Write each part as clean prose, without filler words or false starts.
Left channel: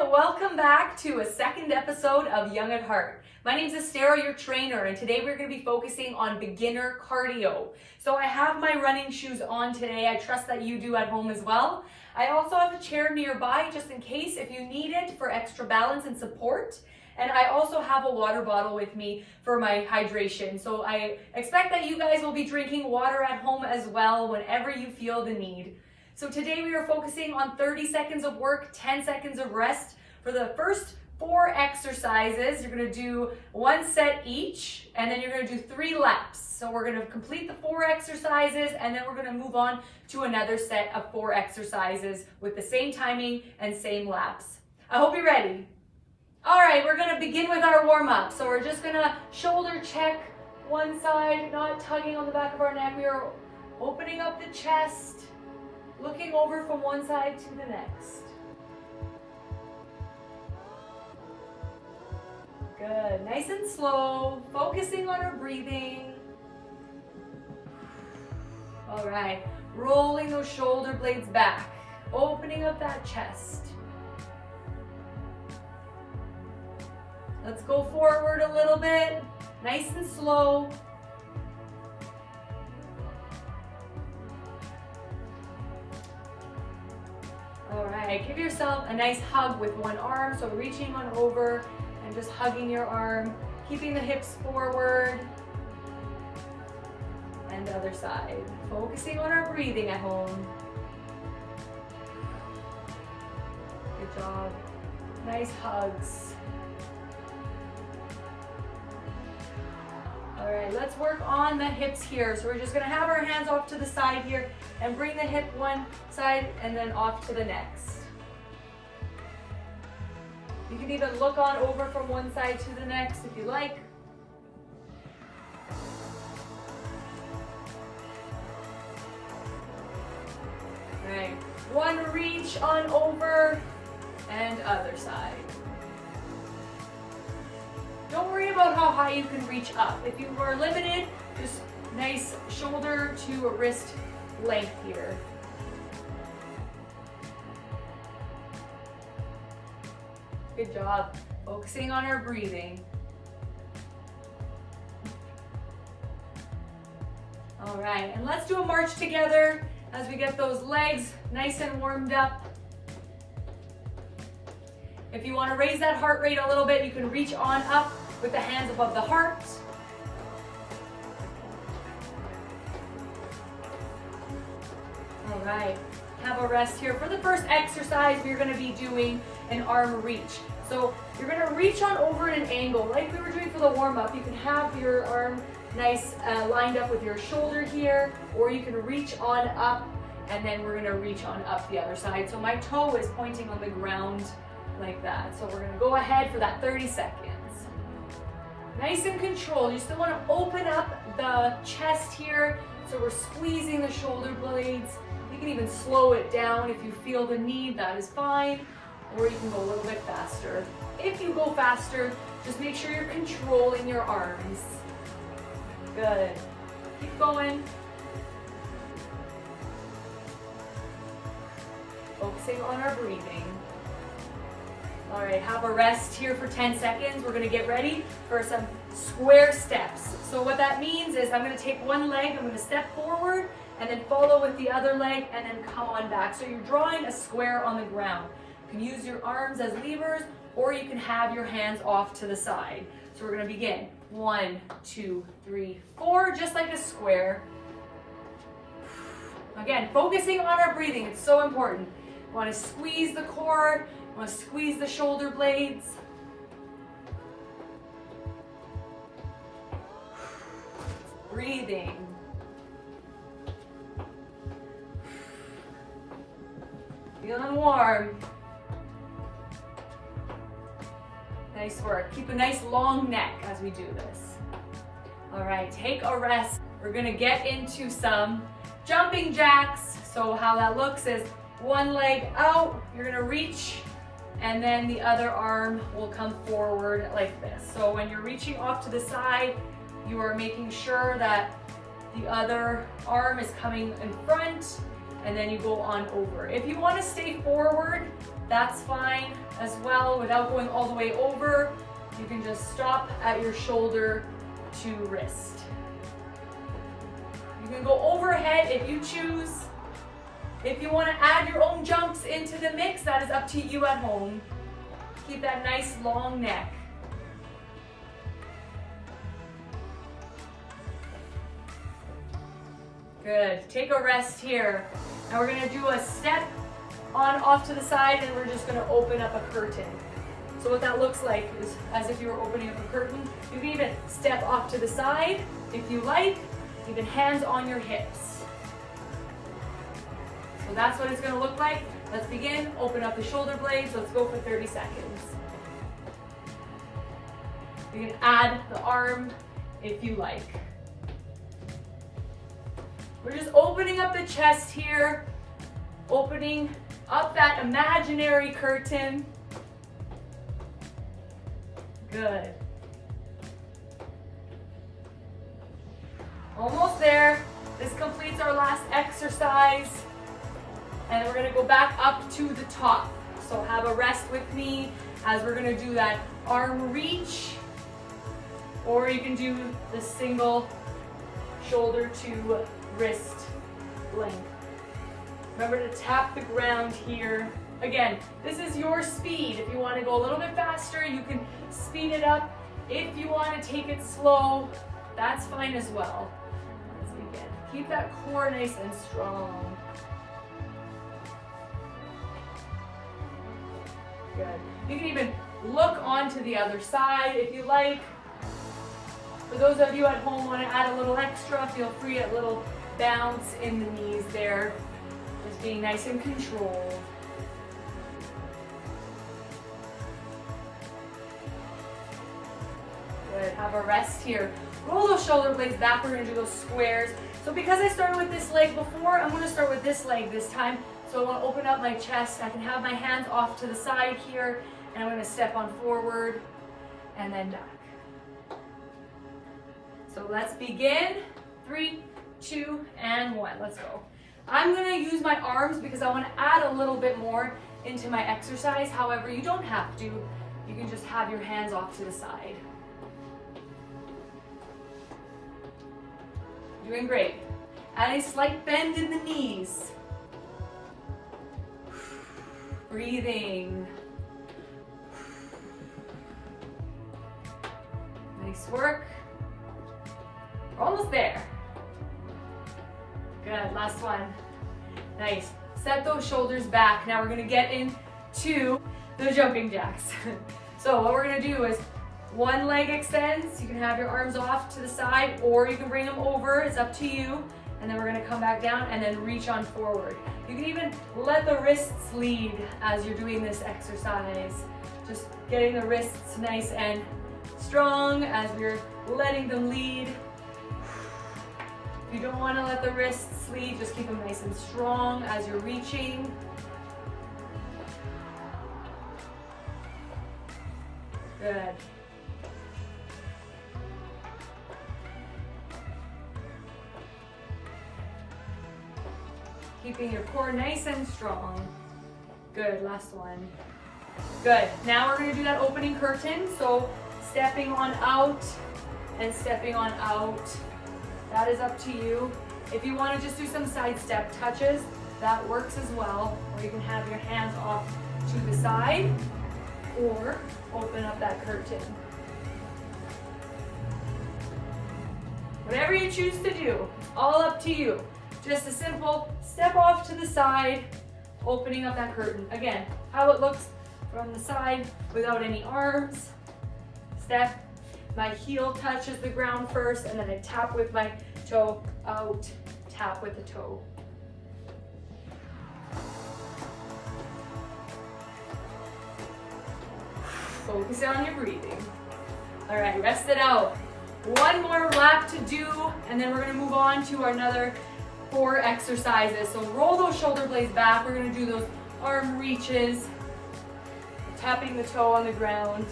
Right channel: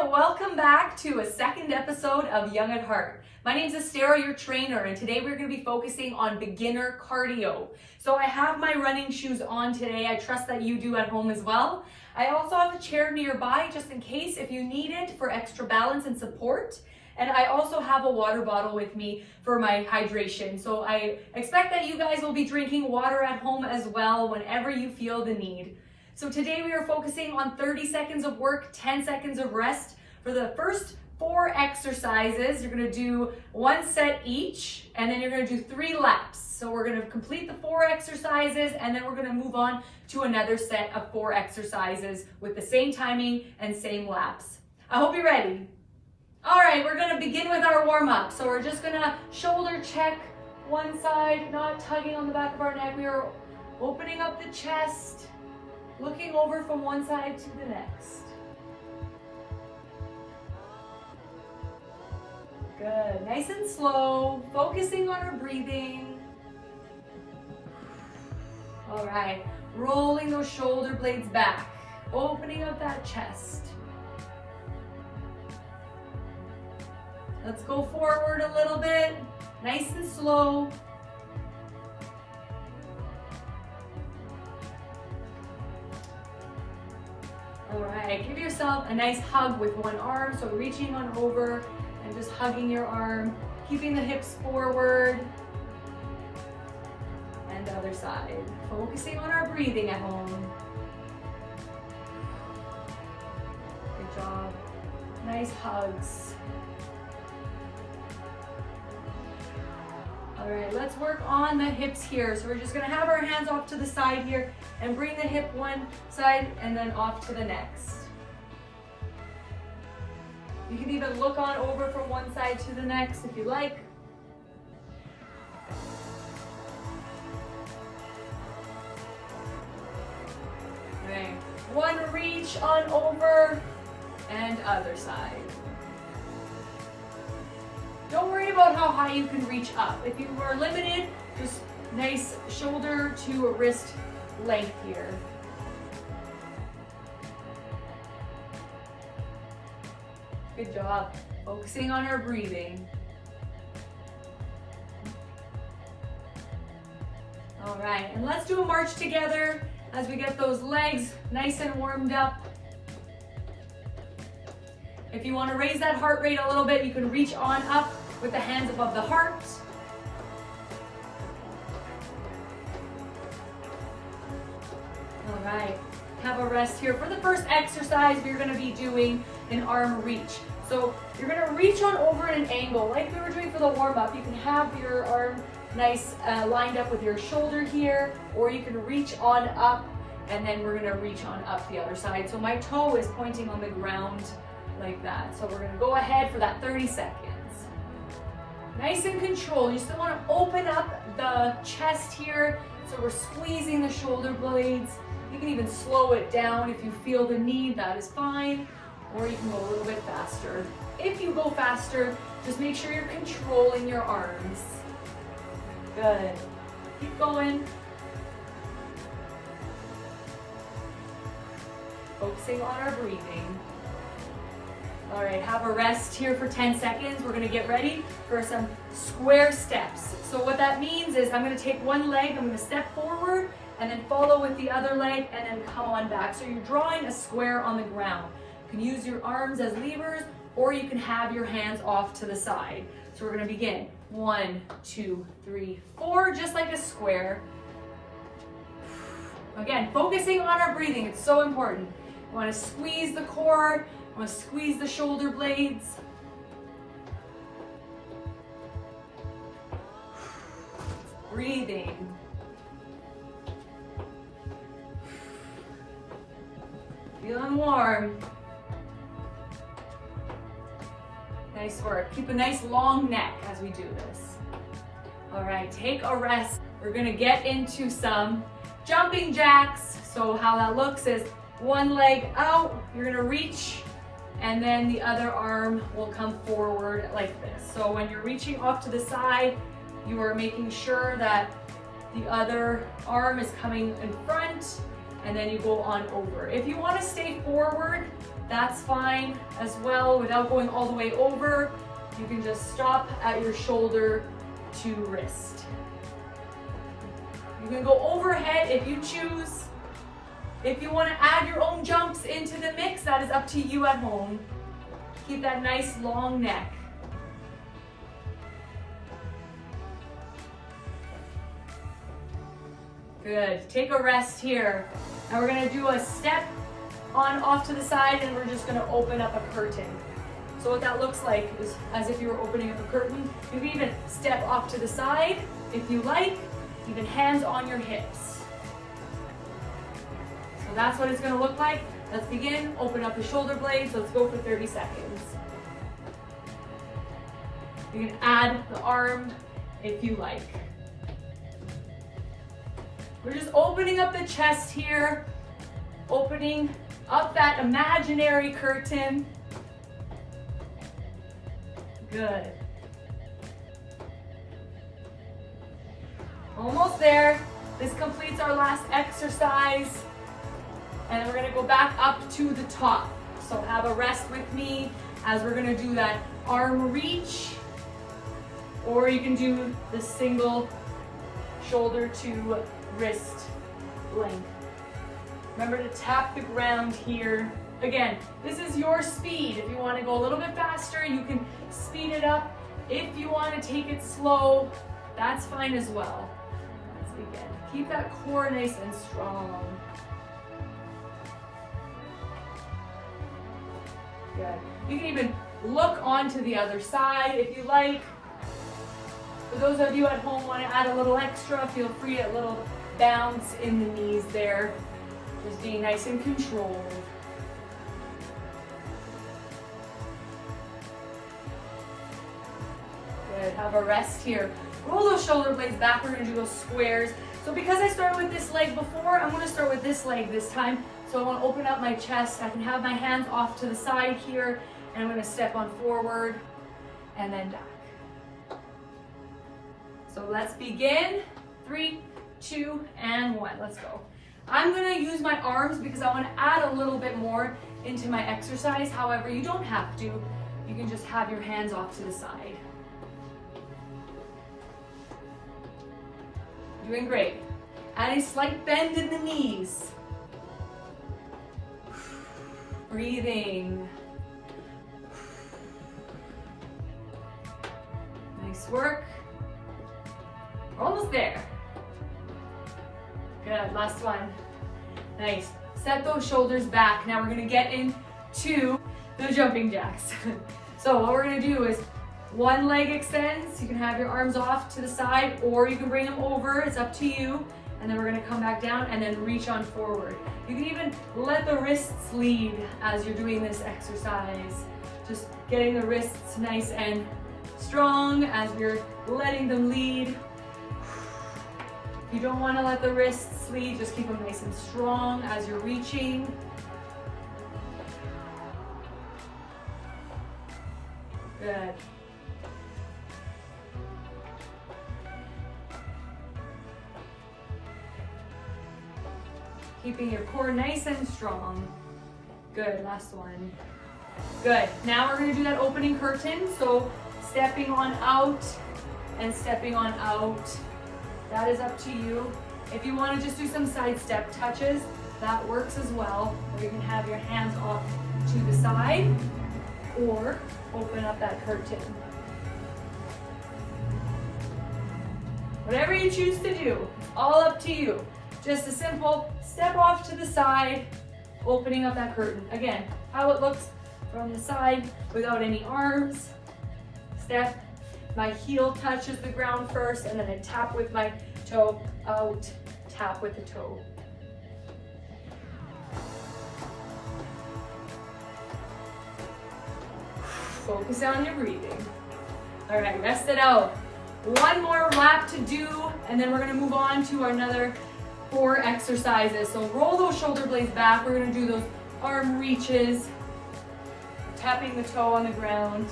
welcome back to a second episode of Young at Heart. My name is Estera, your trainer, and today we're going to be focusing on beginner cardio. So I have my running shoes on today. I trust that you do at home as well. I also have a chair nearby just in case if you need it for extra balance and support. And I also have a water bottle with me for my hydration. So I expect that you guys will be drinking water at home as well whenever you feel the need. So today we are focusing on 30 seconds of work, 10 seconds of rest. For the first 4 exercises, you're gonna do 1 set each, and then you're gonna do 3 laps. So we're gonna complete the 4 exercises, and then we're gonna move on to another set of 4 exercises with the same timing and same laps. I hope you're ready. All right, we're gonna begin with our warm-up. So we're just gonna shoulder check one side, not tugging on the back of our neck. We are opening up the chest, looking over from one side to the next. Good, nice and slow, focusing on our breathing. All right, rolling those shoulder blades back, opening up that chest. Let's go forward a little bit, nice and slow. All right, give yourself a nice hug with one arm. So reaching on over and just hugging your arm, keeping the hips forward. And the other side. Focusing on our breathing at home. Good job. Nice hugs. All right, let's work on the hips here. So we're just gonna have our hands off to the side here and bring the hip one side and then off to the next. You can even look on over from one side to the next if you like. All right, one reach on over and other side. Don't worry about how high you can reach up. If you are limited, just nice shoulder to wrist length here. Good job. Focusing on our breathing. All right, and let's do a march together as we get those legs nice and warmed up. If you want to raise that heart rate a little bit, you can reach on up with the hands above the heart. All right, have a rest here. For the first exercise, we're going to be doing an arm reach. So you're going to reach on over at an angle like we were doing for the warm-up. You can have your arm nice lined up with your shoulder here, or you can reach on up, and then we're going to reach on up the other side. So my toe is pointing on the ground like that. So we're going to go ahead for that 30 seconds. Nice and controlled. You still want to open up the chest here. So we're squeezing the shoulder blades. You can even slow it down if you feel the need, that is fine. Or you can go a little bit faster. If you go faster, just make sure you're controlling your arms. Good. Keep going. Focusing on our breathing. All right, have a rest here for 10 seconds. We're gonna get ready for some square steps. So what that means is I'm gonna take one leg, I'm gonna step forward, and then follow with the other leg, and then come on back. So you're drawing a square on the ground. You can use your arms as levers, or you can have your hands off to the side. So we're gonna begin. 1, 2, 3, 4, just like a square. Again, focusing on our breathing, it's so important. You wanna squeeze the core, you want to squeeze the shoulder blades. Breathing. Feeling warm. Nice work. Keep a nice long neck as we do this. All right, take a rest. We're gonna get into some jumping jacks. So how that looks is one leg out, you're gonna reach, and then the other arm will come forward like this. So when you're reaching off to the side, you are making sure that the other arm is coming in front, and then you go on over. If you want to stay forward, that's fine as well. Without going all the way over, you can just stop at your shoulder to wrist. You can go overhead if you choose. If you want to add your own jumps into the mix, that is up to you at home. Keep that nice long neck. Good. Take a rest here. And we're going to do a step on off to the side, and we're just going to open up a curtain. So what that looks like is as if you were opening up a curtain. You can even step off to the side if you like, even hands on your hips. So that's what it's going to look like. Let's begin. Open up the shoulder blades. Let's go for 30 seconds. You can add the arm if you like. We're just opening up the chest here, opening up that imaginary curtain. Good. Almost there. This completes our last exercise. And we're gonna go back up to the top. So have a rest with me as we're gonna do that arm reach, or you can do the single shoulder to wrist length. Remember to tap the ground here. Again, this is your speed. If you want to go a little bit faster, you can speed it up. If you want to take it slow, that's fine as well. Let's begin. Keep that core nice and strong. Good. You can even look onto the other side if you like. For those of you at home want to add a little extra, feel free, a little bounce in the knees there. Just being nice and controlled. Good, have a rest here. Roll those shoulder blades back, we're gonna do those squares. So because I started with this leg before, I'm gonna start with this leg this time. So I wanna open up my chest. I can have my hands off to the side here, and I'm gonna step on forward and then back. So let's begin. 3, 2, and 1, let's go. I'm gonna use my arms because I wanna add a little bit more into my exercise. However, you don't have to. You can just have your hands off to the side. Doing great. Add a slight bend in the knees. Breathing. Nice work. We're almost there. Good, last one. Nice. Set those shoulders back. Now we're gonna get into the jumping jacks. So what we're gonna do is one leg extends. You can have your arms off to the side, or you can bring them over. It's up to you. And then we're gonna come back down and then reach on forward. You can even let the wrists lead as you're doing this exercise. Just getting the wrists nice and strong as we're letting them lead. If you don't wanna let the wrists lead, just keep them nice and strong as you're reaching. Good. Keeping your core nice and strong. Good, last one. Good, now we're gonna do that opening curtain. So stepping on out and stepping on out. That is up to you. If you wanna just do some side step touches, that works as well. Or you can have your hands off to the side or open up that curtain. Whatever you choose to do, it's all up to you. Just a simple step off to the side, opening up that curtain. Again, how it looks from the side without any arms. Step, my heel touches the ground first, and then I tap with my toe out, tap with the toe. Focus on your breathing. All right, rest it out. One more lap to do, and then we're gonna move on to another 4 exercises. So roll those shoulder blades back. We're gonna do those arm reaches, tapping the toe on the ground.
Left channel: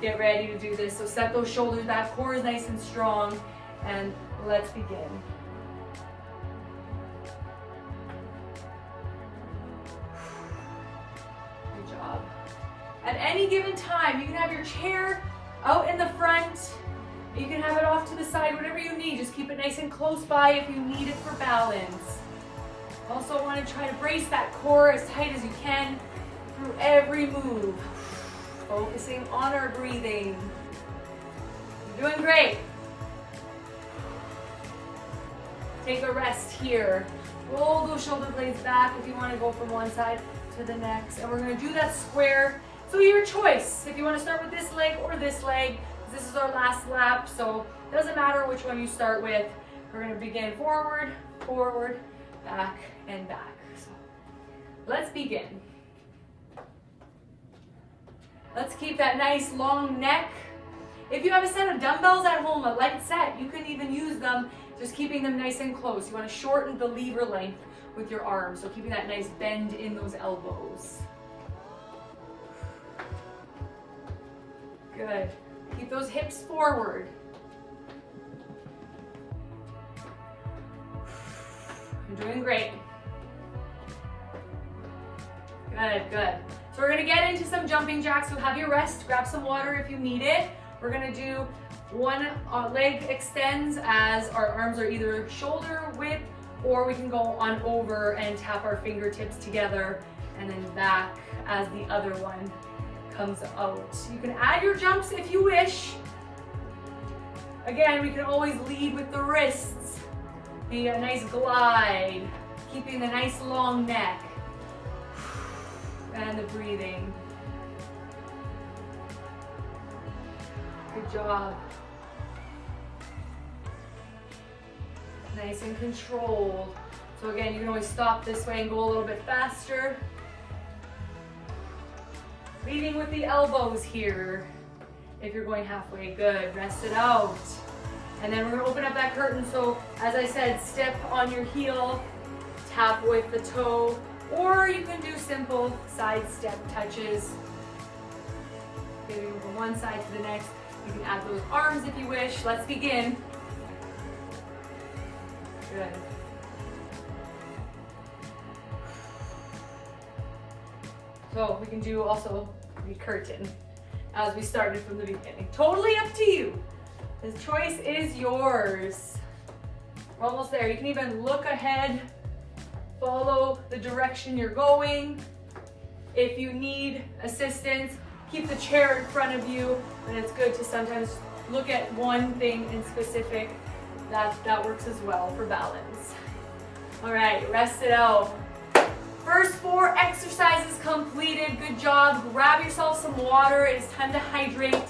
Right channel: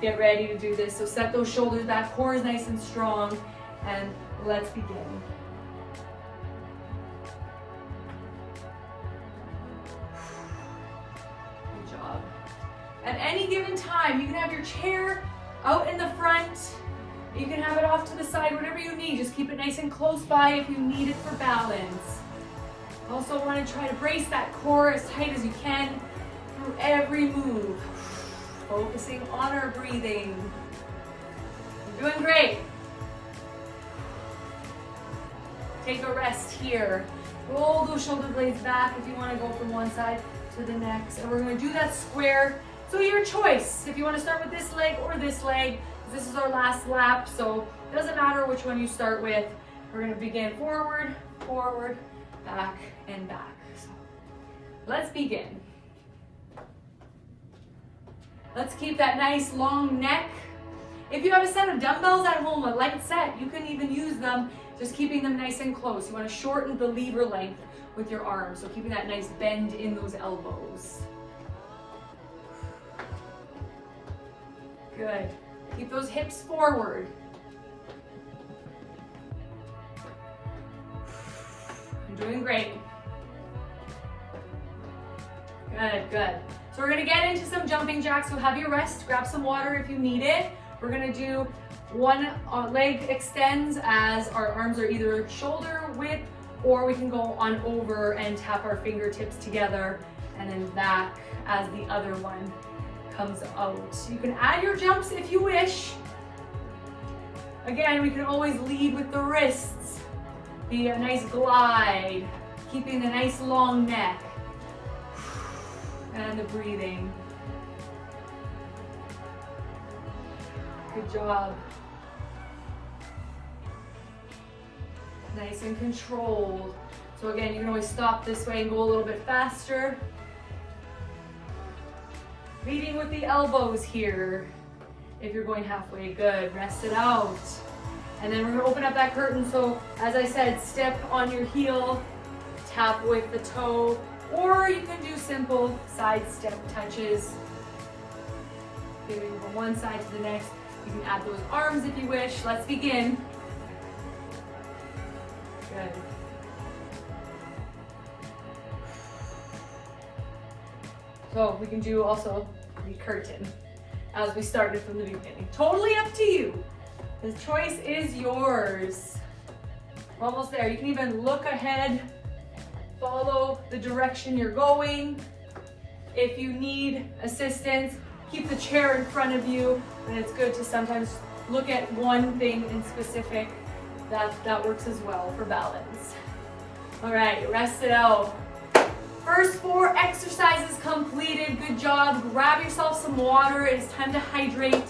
Get ready to do this. So set those shoulders back, core is nice and strong, and let's begin. any given time, you can have your chair out in the front. You can have it off to the side, whatever you need. Just keep it nice and close by if you need it for balance. Also want to try to brace that core as tight as you can through every move. Focusing on our breathing. You're doing great. Take a rest here. Roll those shoulder blades back if you want to go from one side to the next. And we're going to do that square. So your choice, if you want to start with this leg or this leg. This is our last lap, so it doesn't matter which one you start with. We're going to begin forward, forward, back, and back. So let's begin. Let's keep that nice long neck. If you have a set of dumbbells at home, a light set, you can even use them, just keeping them nice and close. You want to shorten the lever length with your arms, so keeping that nice bend in those elbows. Good. Keep those hips forward. You're doing great. Good, good. So we're gonna get into some jumping jacks. So have your rest, grab some water if you need it. We're gonna do one leg extends as our arms are either shoulder width, or we can go on over and tap our fingertips together and then back as the other one comes out. You can add your jumps if you wish. Again, we can always lead with the wrists. Be a nice glide, keeping the nice long neck and the breathing. Good job. Nice and controlled. So again, you can always stop this way and go a little bit faster. Leading with the elbows here. If you're going halfway, good. Rest it out. And then we're gonna open up that curtain. So as I said, step on your heel, tap with the toe, or you can do simple side step touches. Moving from one side to the next. You can add those arms if you wish. Let's begin. Good. So we can do also the curtain as we started from the beginning. Totally up to you. The choice is yours. We're almost there. You can even look ahead, follow the direction you're going. If you need assistance, keep the chair in front of you, and it's good to sometimes look at one thing in specific. That works as well for balance. All right, rest it out. First 4 exercises completed. Good job. Grab yourself some water. It's time to hydrate.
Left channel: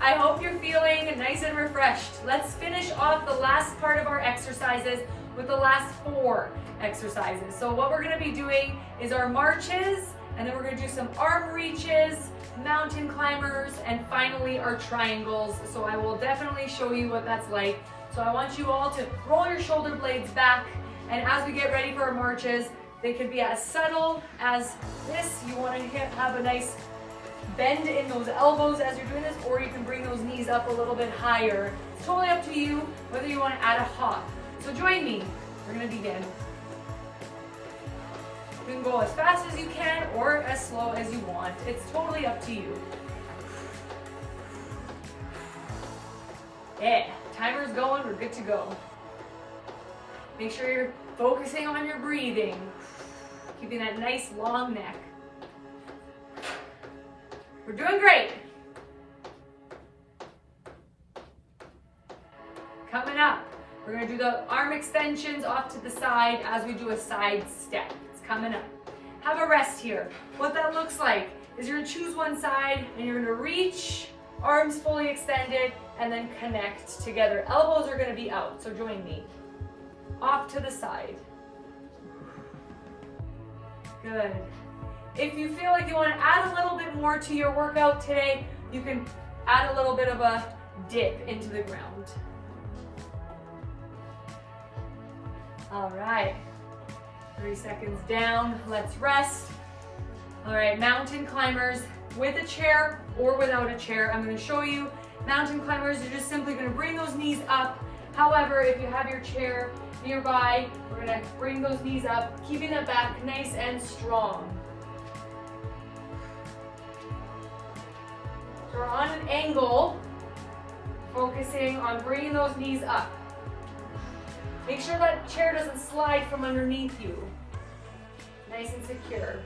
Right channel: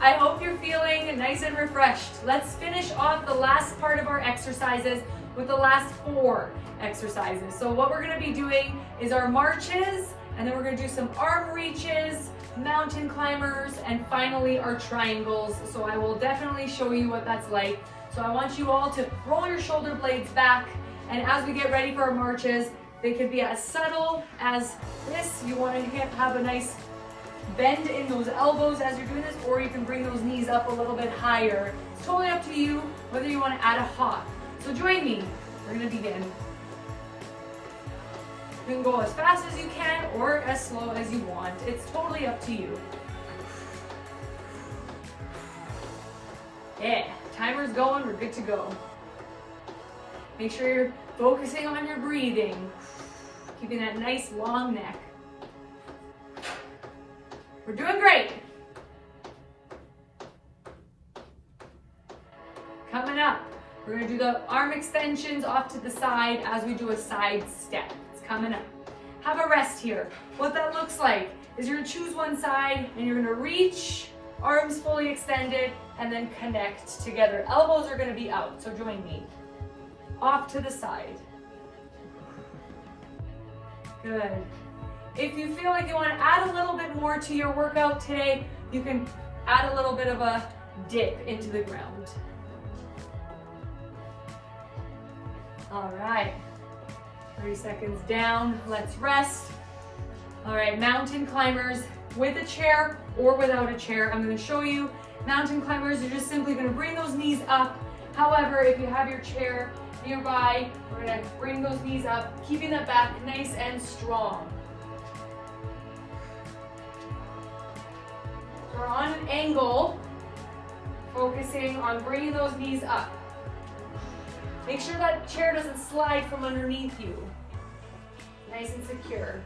I hope you're feeling nice and refreshed. Let's finish off the last part of our exercises with the last 4 exercises. So what we're going to be doing is our marches, and then we're going to do some arm reaches, mountain climbers, and finally our triangles. So I will definitely show you what that's like. So I want you all to roll your shoulder blades back, and as we get ready for our marches, they could be as subtle as this. You want to have a nice bend in those elbows as you're doing this, or you can bring those knees up a little bit higher. It's totally up to you whether you want to add a hop. So join me. We're going to begin. You can go as fast as you can or as slow as you want. It's totally up to you. Yeah, timer's going, we're good to go. Make sure you're focusing on your breathing, keeping that nice long neck. We're doing great. Coming up, we're gonna do the arm extensions off to the side as we do a side step. It's coming up. Have a rest here. What that looks like is you're gonna choose one side and you're gonna reach, arms fully extended, and then connect together. Elbows are gonna be out, so join me. Off to the side. Good. If you feel like you want to add a little bit more to your workout today, you can add a little bit of a dip into the ground. All right, 30 seconds down, let's rest. All right, mountain climbers with a chair or without a chair. I'm going to show you mountain climbers. You're just simply going to bring those knees up. However, if you have your chair nearby, we're going to bring those knees up, keeping that back nice and strong. on an angle, focusing on bringing those knees up. Make sure that chair doesn't slide from underneath you. Nice and secure.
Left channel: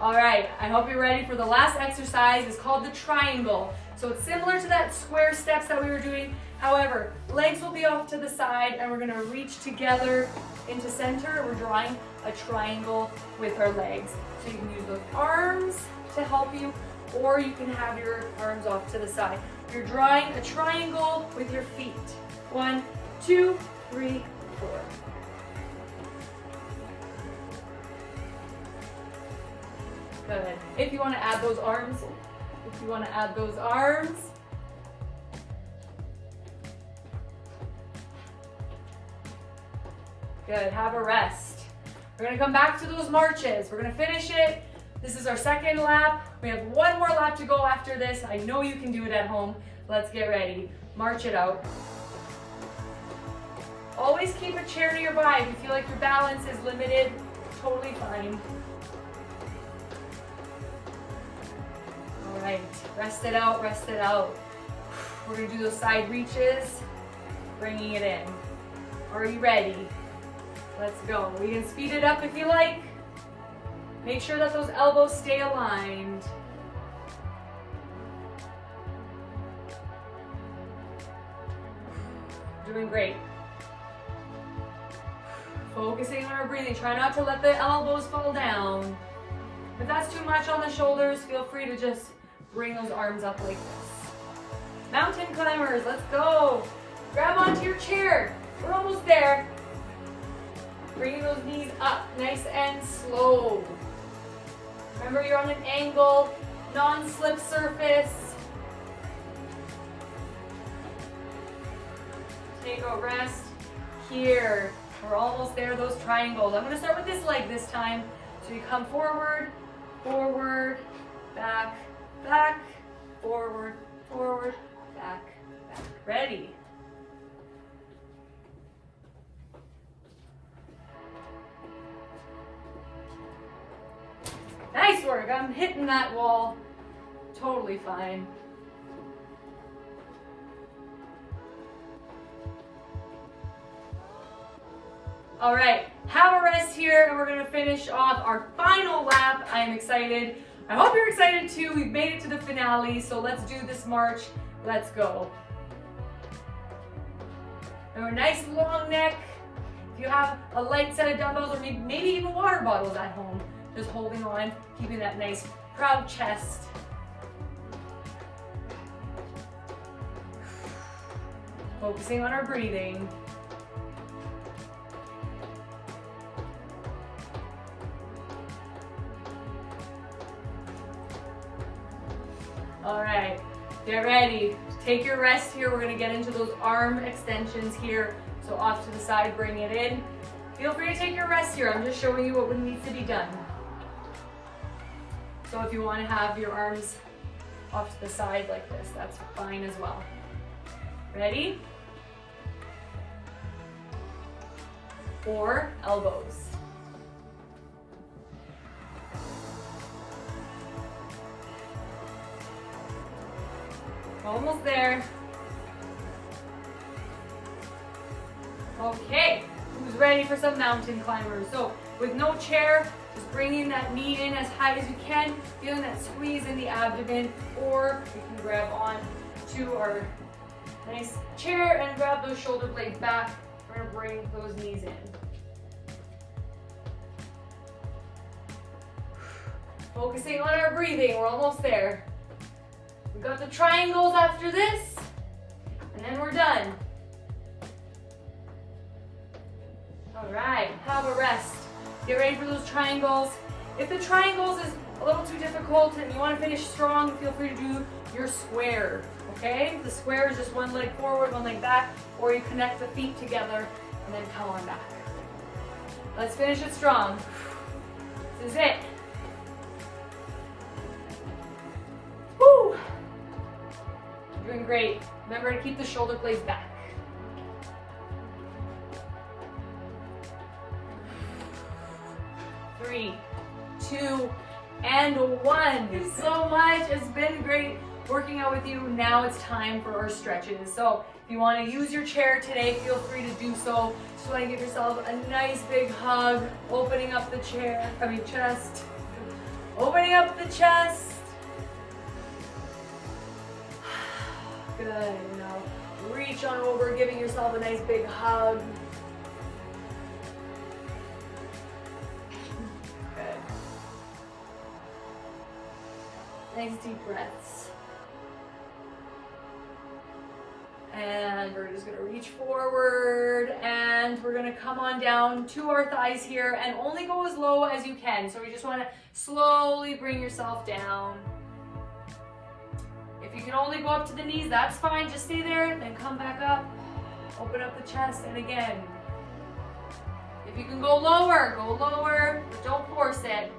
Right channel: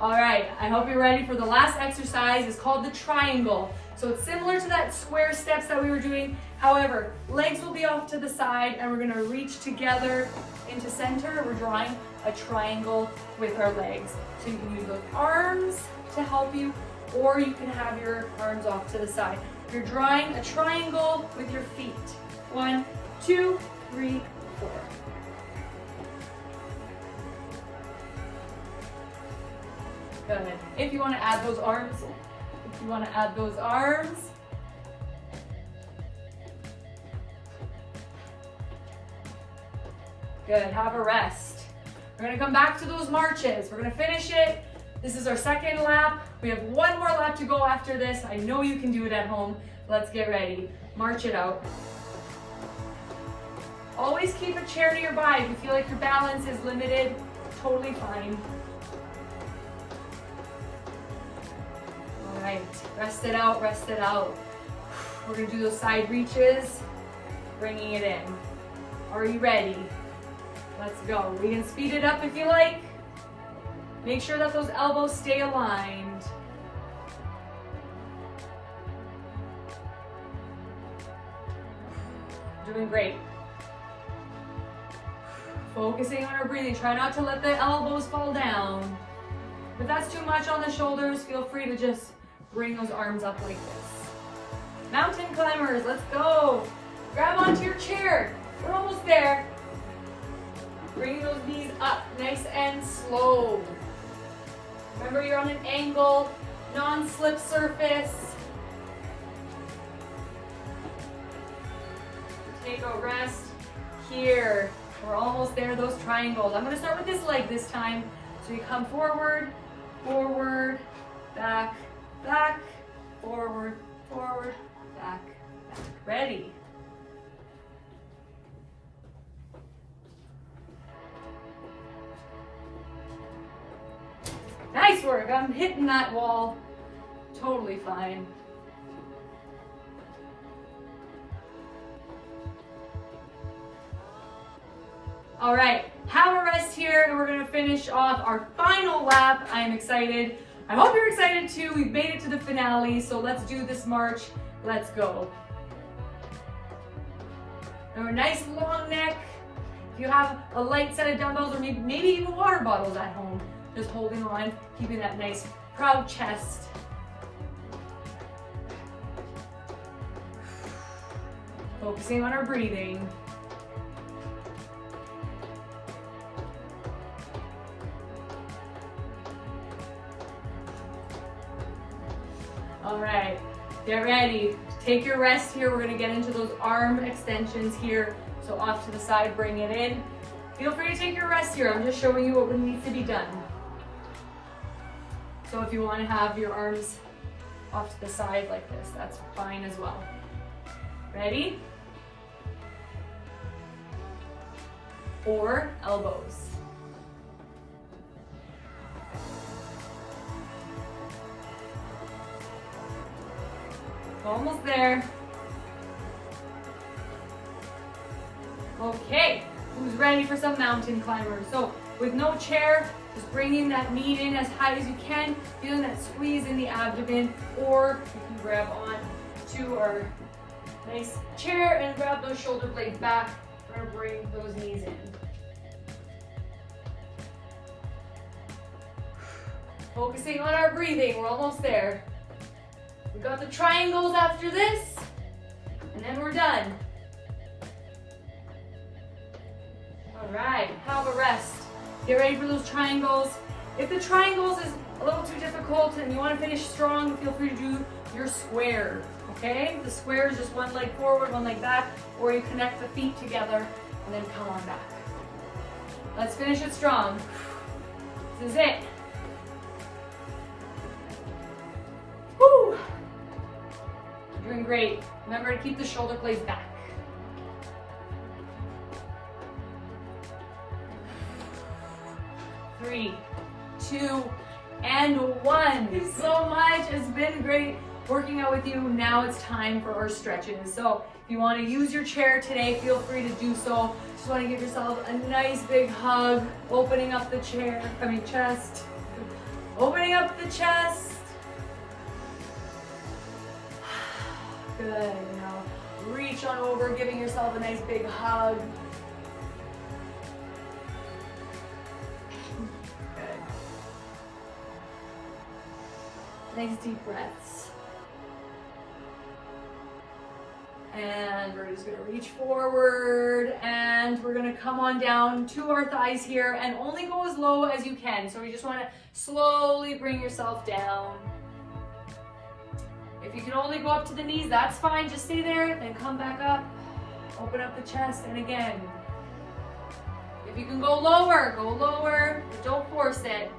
All right, I hope you're ready for the last exercise. It's called the triangle. So it's similar to that square steps that we were doing. However, legs will be off to the side and we're gonna reach together into center. We're drawing a triangle with our legs. So you can use those arms to help you, or you can have your arms off to the side. You're drawing a triangle with your feet. 1, 2, 3, 4. Good. If you want to add those arms, Good, have a rest. We're gonna come back to those marches. We're gonna finish it. This is our second lap. We have one more lap to go after this. I know you can do it at home. Let's get ready. March it out. Always keep a chair nearby. If you feel like your balance is limited, totally fine. All right, rest it out, rest it out. We're gonna do those side reaches, bringing it in. Are you ready? Let's go. We can speed it up if you like. Make sure that those elbows stay aligned. Doing great. Focusing on our breathing. Try not to let the elbows fall down. If that's too much on the shoulders, feel free to just bring those arms up like this. Mountain climbers, let's go. Grab onto your chair. We're almost there. Bringing those knees up, nice and slow. Remember, you're on an angle, non-slip surface. Take a rest here. We're almost there, those triangles. I'm gonna start with this leg this time. So you come forward, forward, back, back, forward, forward, back, back. Ready? Nice work. I'm hitting that wall. Totally fine. All right, have a rest here and we're gonna finish off our final lap. I am excited. I hope you're excited too. We've made it to the finale, so let's do this march. Let's go. Remember, nice long neck. If you have a light set of dumbbells or maybe even water bottles at home, just holding on, keeping that nice proud chest. Focusing on our breathing. All right, get ready. Take your rest here. We're gonna get into those arm extensions here. So off to the side, bring it in. Feel free to take your rest here. I'm just showing you what needs to be done. So if you want to have your arms off to the side like this, that's fine as well. Ready? Or elbows. Almost there. Okay, who's ready for some mountain climbers? So with no chair, just bringing that knee in as high as you can, feeling that squeeze in the abdomen, or you can grab on to our nice chair and grab those shoulder blades back. We're gonna bring those knees in. Focusing on our breathing, we're almost there. We've got the triangles after this, and then we're done. All right, have a rest. Get ready for those triangles. If the triangles is a little too difficult and you want to finish strong, feel free to do your square, okay? The square is just one leg forward, one leg back, or you connect the feet together and then come on back. Let's finish it strong. This is it. Woo! Doing great. Remember to keep the shoulder blades back. 3, 2, and 1. Thank you so much. It's been great working out with you. Now it's time for our stretches. So if you want to use your chair today, feel free to do so. Just want to give yourself a nice big hug, opening up the chest, opening up the chest. Good. Now reach on over, giving yourself a nice big hug. Good. Nice deep breaths. And we're just gonna reach forward and we're gonna come on down to our thighs here and only go as low as you can. So you just wanna slowly bring yourself down. If you can only go up to the knees, that's fine. Just stay there, then come back up. Open up the chest, and again. If you can go lower, but don't force it.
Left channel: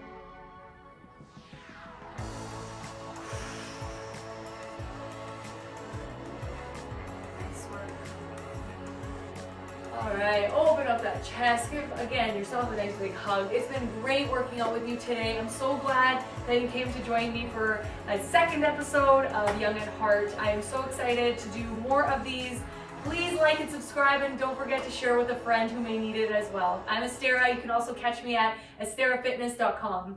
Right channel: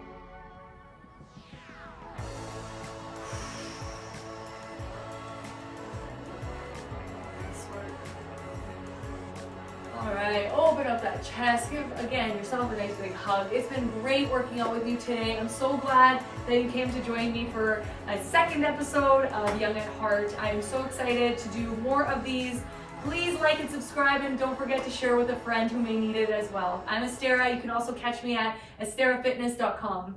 All right, open up that chest. Give, again, yourself a nice big hug. It's been great working out with you today. I'm so glad that you came to join me for a second episode of Young at Heart. I am so excited to do more of these. Please like and subscribe, and don't forget to share with a friend who may need it as well. I'm Estera. You can also catch me at esterafitness.com.